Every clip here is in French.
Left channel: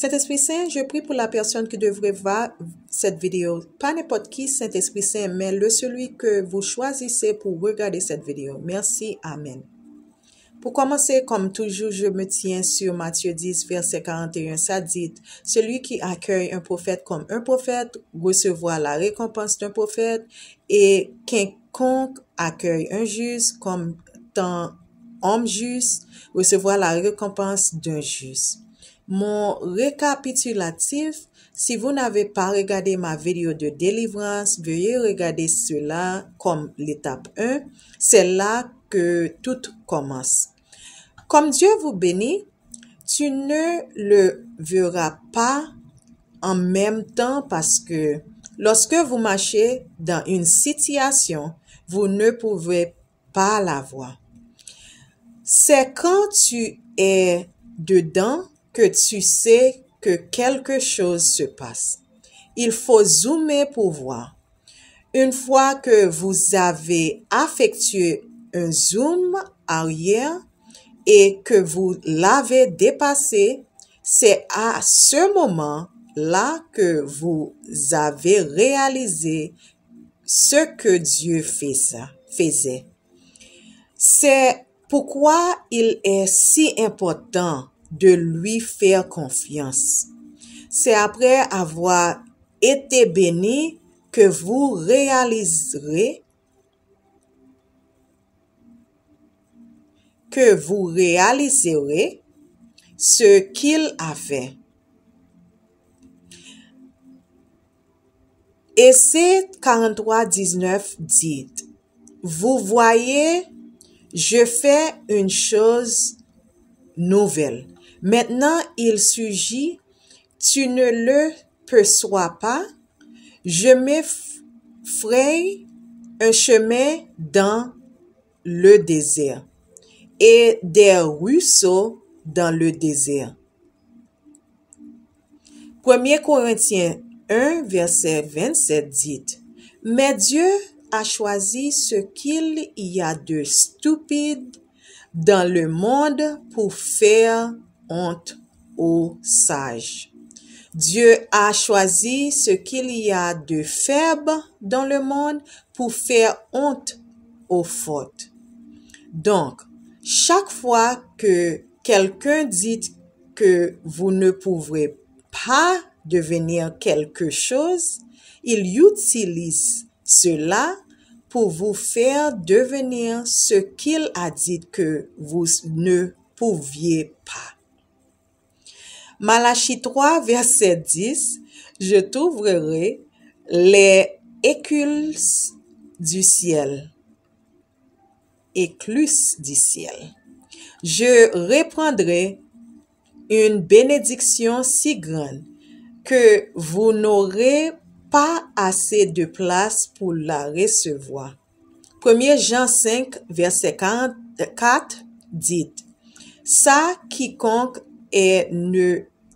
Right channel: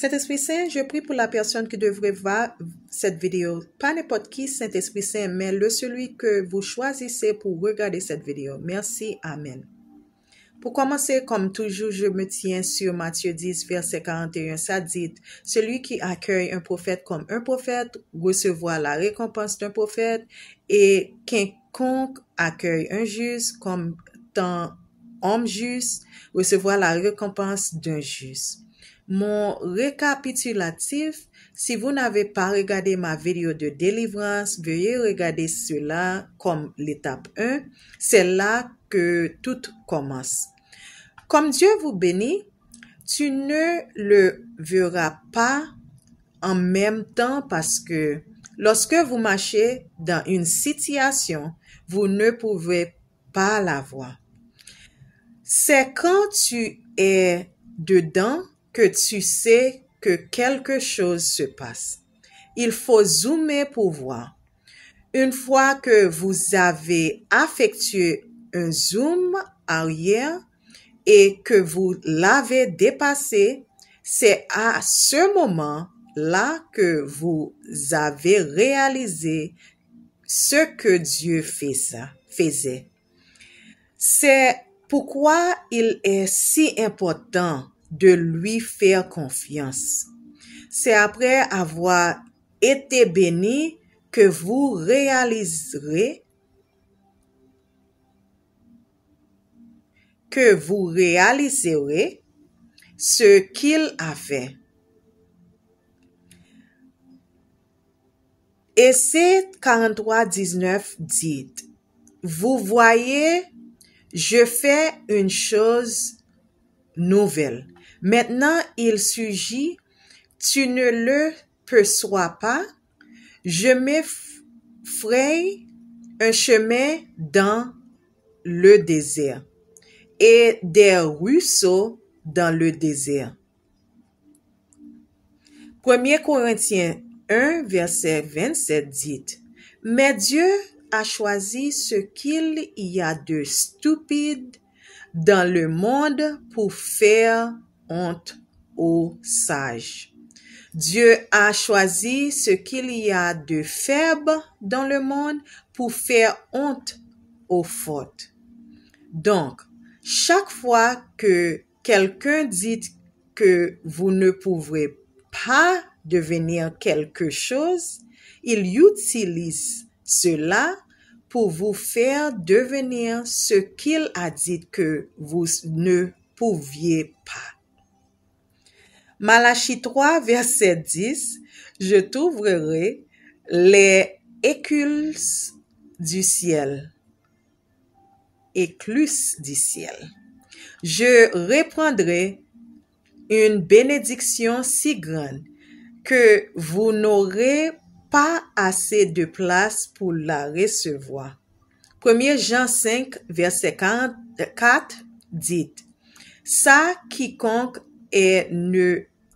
Saint-Esprit Saint, je prie pour la personne qui devrait voir cette vidéo. Pas n'importe qui, Saint-Esprit Saint, mais celui que vous choisissez pour regarder cette vidéo. Merci. Amen. Pour commencer, comme toujours, je me tiens sur Matthieu 10, verset 41. Ça dit, « Celui qui accueille un prophète comme un prophète recevra la récompense d'un prophète, et quiconque accueille un juste comme un homme juste recevra la récompense d'un juste. » Mon récapitulatif, si vous n'avez pas regardé ma vidéo de délivrance, veuillez regarder cela comme l'étape 1. C'est là que tout commence. Comme Dieu vous bénit, tu ne le verras pas en même temps parce que lorsque vous marchez dans une situation, vous ne pouvez pas la voir. C'est quand tu es dedans que tu sais que quelque chose se passe. Il faut zoomer pour voir. Une fois que vous avez effectué un zoom arrière et que vous l'avez dépassé, c'est à ce moment-là que vous avez réalisé ce que Dieu faisait. C'est pourquoi il est si important de lui faire confiance. C'est après avoir été béni que vous réaliserez ce qu'il a fait. Essaie 43:19 dit, « Vous voyez, je fais une chose nouvelle. Maintenant, il surgit, tu ne le perçois pas. Je me fraye un chemin dans le désert et des ruisseaux dans le désert. » 1 Corinthiens 1, verset 27 dit, « Mais Dieu a choisi ce qu'il y a de stupide dans le monde pour faire honte aux sages. » Dieu a choisi ce qu'il y a de faible dans le monde pour faire honte aux fortes. Donc, chaque fois que quelqu'un dit que vous ne pouvez pas devenir quelque chose, il utilise cela pour vous faire devenir ce qu'il a dit que vous ne pouviez pas. Malachie 3, verset 10, « Je t'ouvrirai les écluses du ciel. » Écluses du ciel. « Je répandrai une bénédiction si grande que vous n'aurez pas assez de place pour la recevoir. » 1 Jean 5, verset 44 dit, « Ça, quiconque est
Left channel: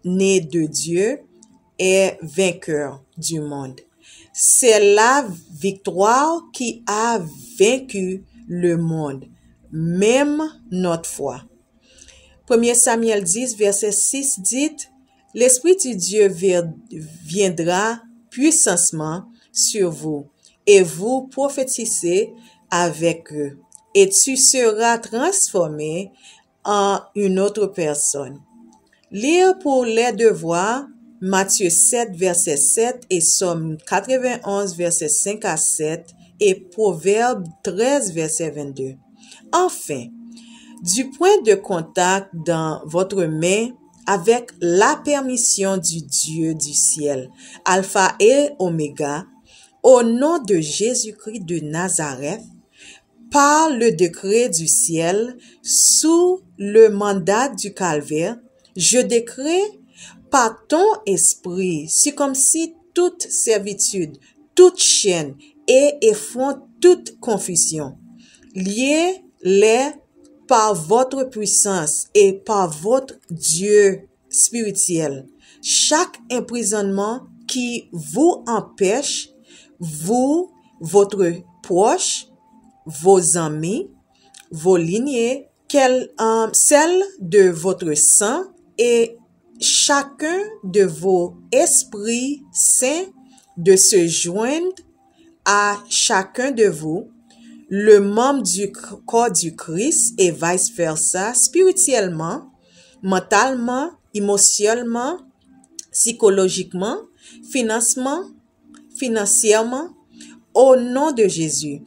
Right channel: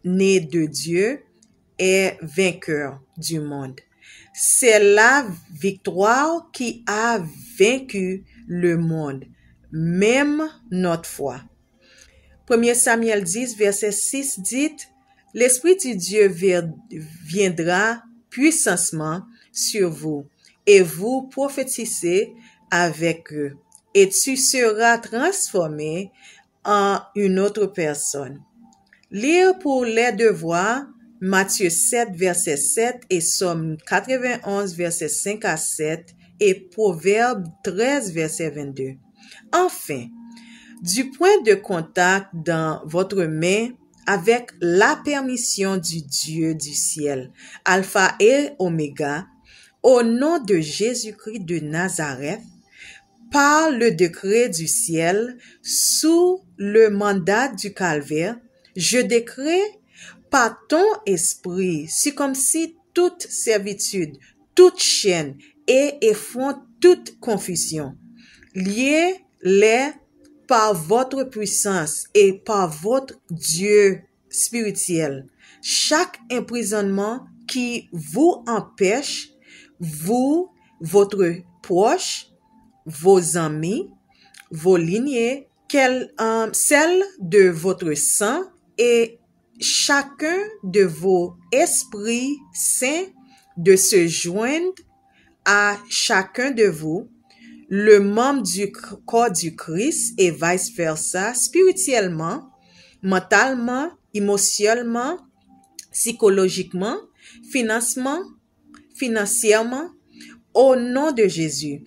né de Dieu est vainqueur du monde. C'est la victoire qui a vaincu le monde, même notre foi. » 1 Samuel 10, verset 6 dit, « L'Esprit du Dieu viendra puissamment sur vous, et vous prophétisez avec eux, et tu seras transformé en une autre personne. » Lire pour les devoirs Matthieu 7, verset 7 et Somme 91, verset 5 à 7 et Proverbe 13, verset 22. Enfin, du point de contact dans votre main avec la permission du Dieu du ciel, Alpha et Oméga, au nom de Jésus-Christ de Nazareth, par le décret du ciel, sous le mandat du calvaire, je décrète par ton esprit, c'est comme si toute servitude, toute chaîne et effronte toute confusion, liez-les par votre puissance et par votre Dieu spirituel. Chaque emprisonnement qui vous empêche, vous, votre proche, vos amis, vos lignées, celle de votre sang et chacun de vos esprits saints de se joindre à chacun de vous, le membre du corps du Christ et vice-versa, spirituellement, mentalement, émotionnellement, psychologiquement, financièrement, au nom de Jésus,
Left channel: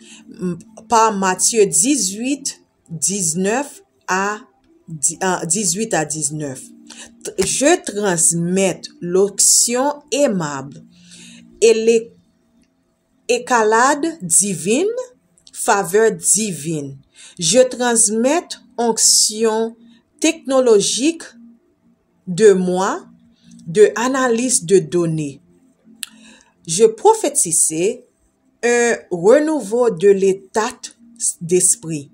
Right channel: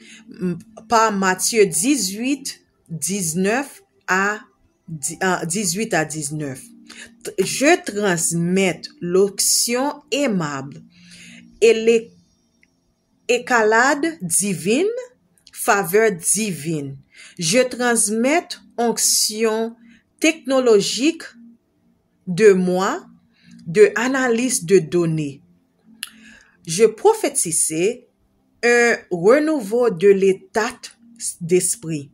par Matthieu 18, 19 à 18 à 19. Je transmets l'onction aimable et l'écalade divine, faveur divine. Je transmets onction technologique de moi, de analyse de données. Je prophétisais un renouveau de l'état d'esprit.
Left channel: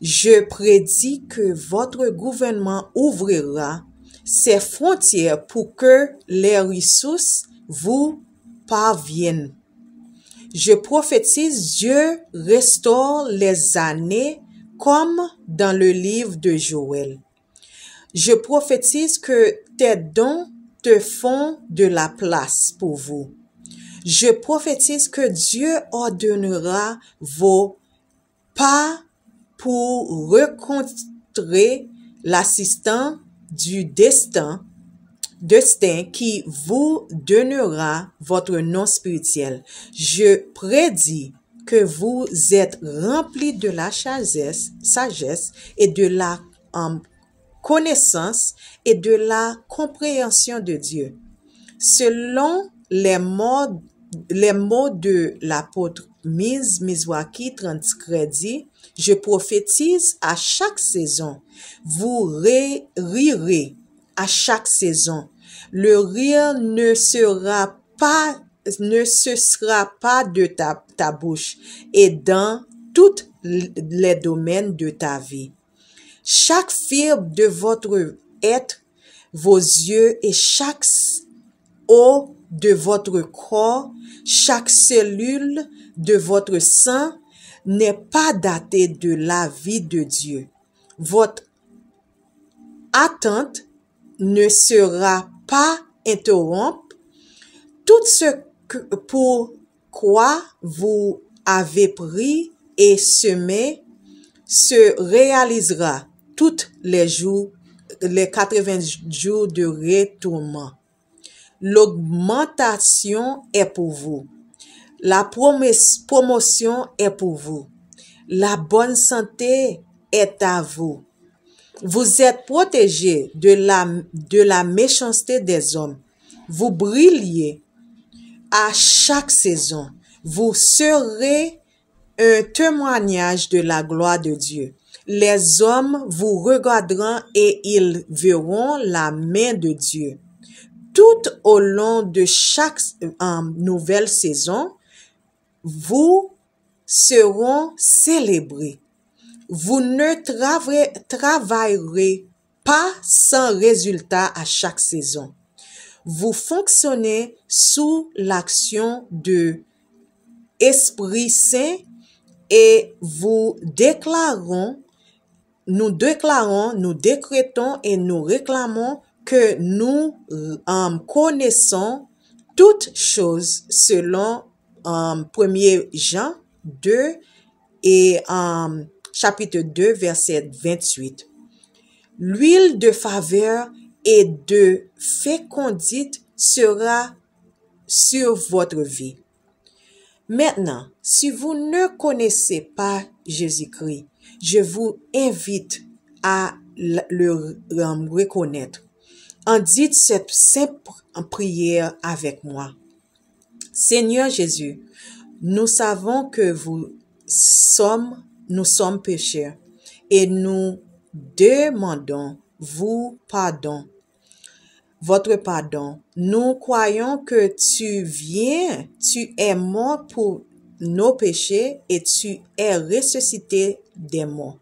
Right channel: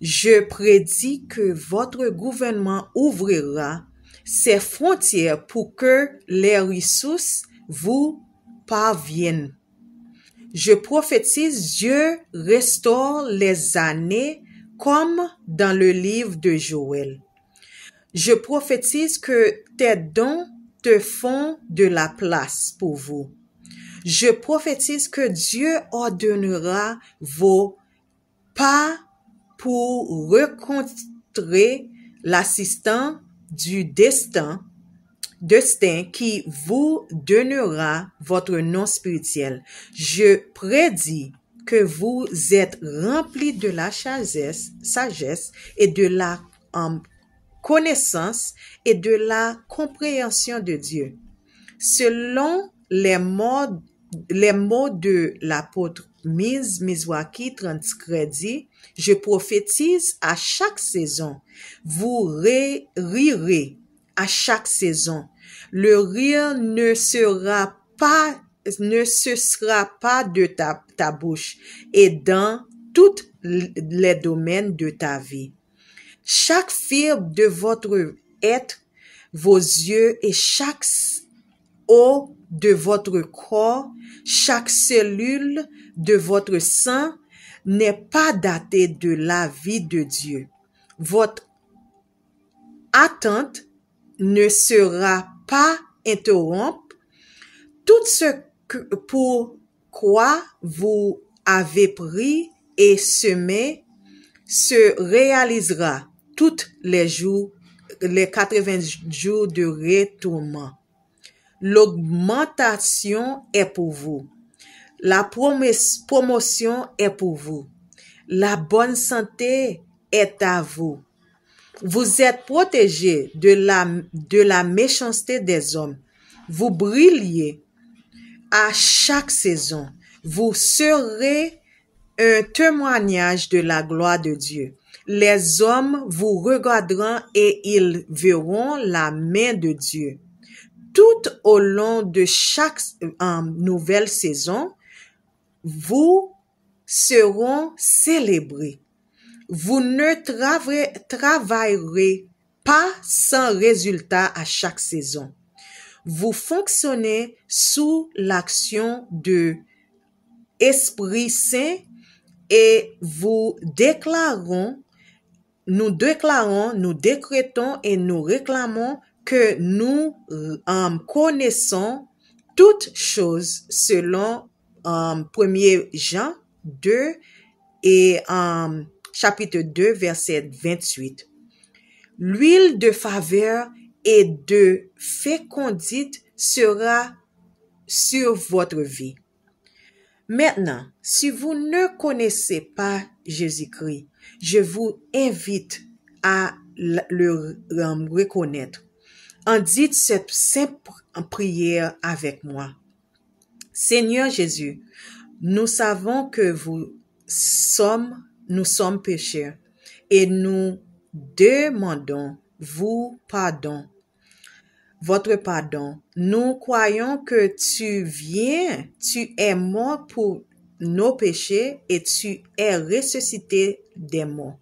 Je prédis que votre gouvernement ouvrira ses frontières pour que les ressources vous parviennent. Je prophétise, Dieu restaure les années comme dans le livre de Joël. Je prophétise que tes dons te font de la place pour vous. Je prophétise que Dieu ordonnera vos pas pour rencontrer l'assistant du destin qui vous donnera votre nom spirituel. Je prédis que vous êtes remplis de la sagesse et de la connaissance et de la compréhension de Dieu. Selon les mots de l'apôtre Mizwaki 30 crédits, je prophétise à chaque saison. Vous rirez à chaque saison. Le rire ne sera pas de ta bouche et dans tous les domaines de ta vie. Chaque fibre de votre être, vos yeux et chaque os de votre corps, chaque cellule de votre sang n'est pas datée de la vie de Dieu. Votre attente ne sera pas interrompue. Tout ce pour quoi vous avez pris et semé se réalisera tous les jours, les 80 jours de retournement. L'augmentation est pour vous. La promotion est pour vous. La bonne santé est à vous. Vous êtes protégés de la méchanceté des hommes. Vous brillez à chaque saison. Vous serez un témoignage de la gloire de Dieu. Les hommes vous regarderont et ils verront la main de Dieu. Tout au long de chaque nouvelle saison, vous seront célébrés. Vous ne travaillerez pas sans résultat à chaque saison. Vous fonctionnez sous l'action de Esprit Saint et nous décrétons et nous réclamons que nous connaissons toutes choses selon 1 Jean 2 et chapitre 2 verset 28. L'huile de faveur et de fécondité sera sur votre vie. Maintenant, si vous ne connaissez pas Jésus-Christ, je vous invite à le reconnaître. En dites cette simple prière avec moi. Seigneur Jésus, nous savons que nous sommes pécheurs et nous demandons votre pardon. Nous croyons que tu es mort pour nos péchés et tu es ressuscité des morts.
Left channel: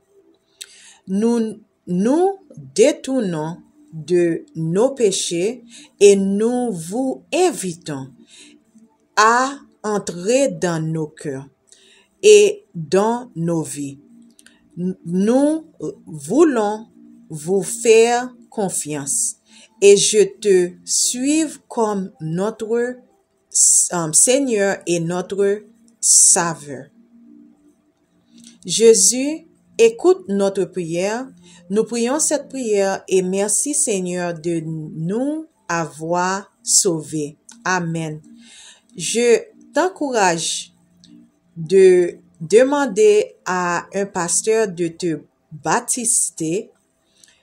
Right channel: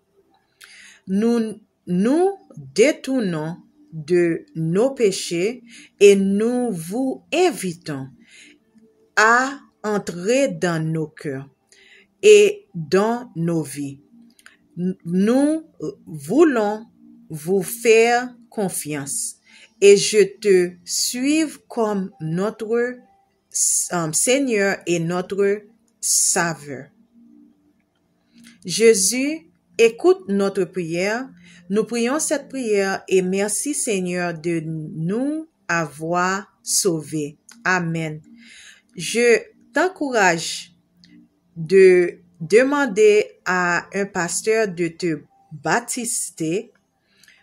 Nous nous détournons de nos péchés et nous vous invitons à entrer dans nos cœurs et dans nos vies. Nous voulons vous faire confiance et je te suive comme notre Seigneur et notre Sauveur. Jésus, écoute notre prière. Nous prions cette prière et merci Seigneur de nous avoir sauvés. Amen. Je t'encourage de demander à un pasteur de te baptiser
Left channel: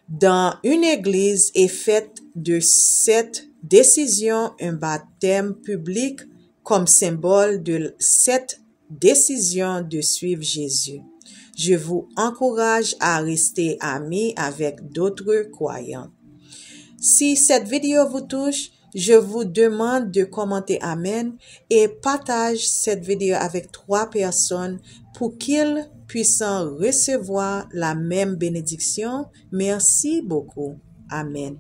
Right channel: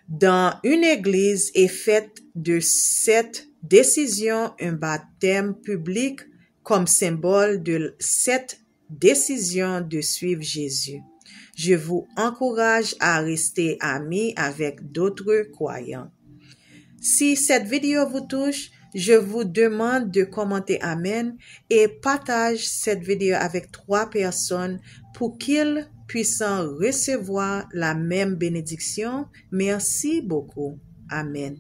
dans une église et faites de cette décision un baptême public comme symbole de cette décision de suivre Jésus. Je vous encourage à rester amis avec d'autres croyants. Si cette vidéo vous touche, je vous demande de commenter Amen et partage cette vidéo avec 3 personnes pour qu'ils puissent recevoir la même bénédiction. Merci beaucoup. Amen.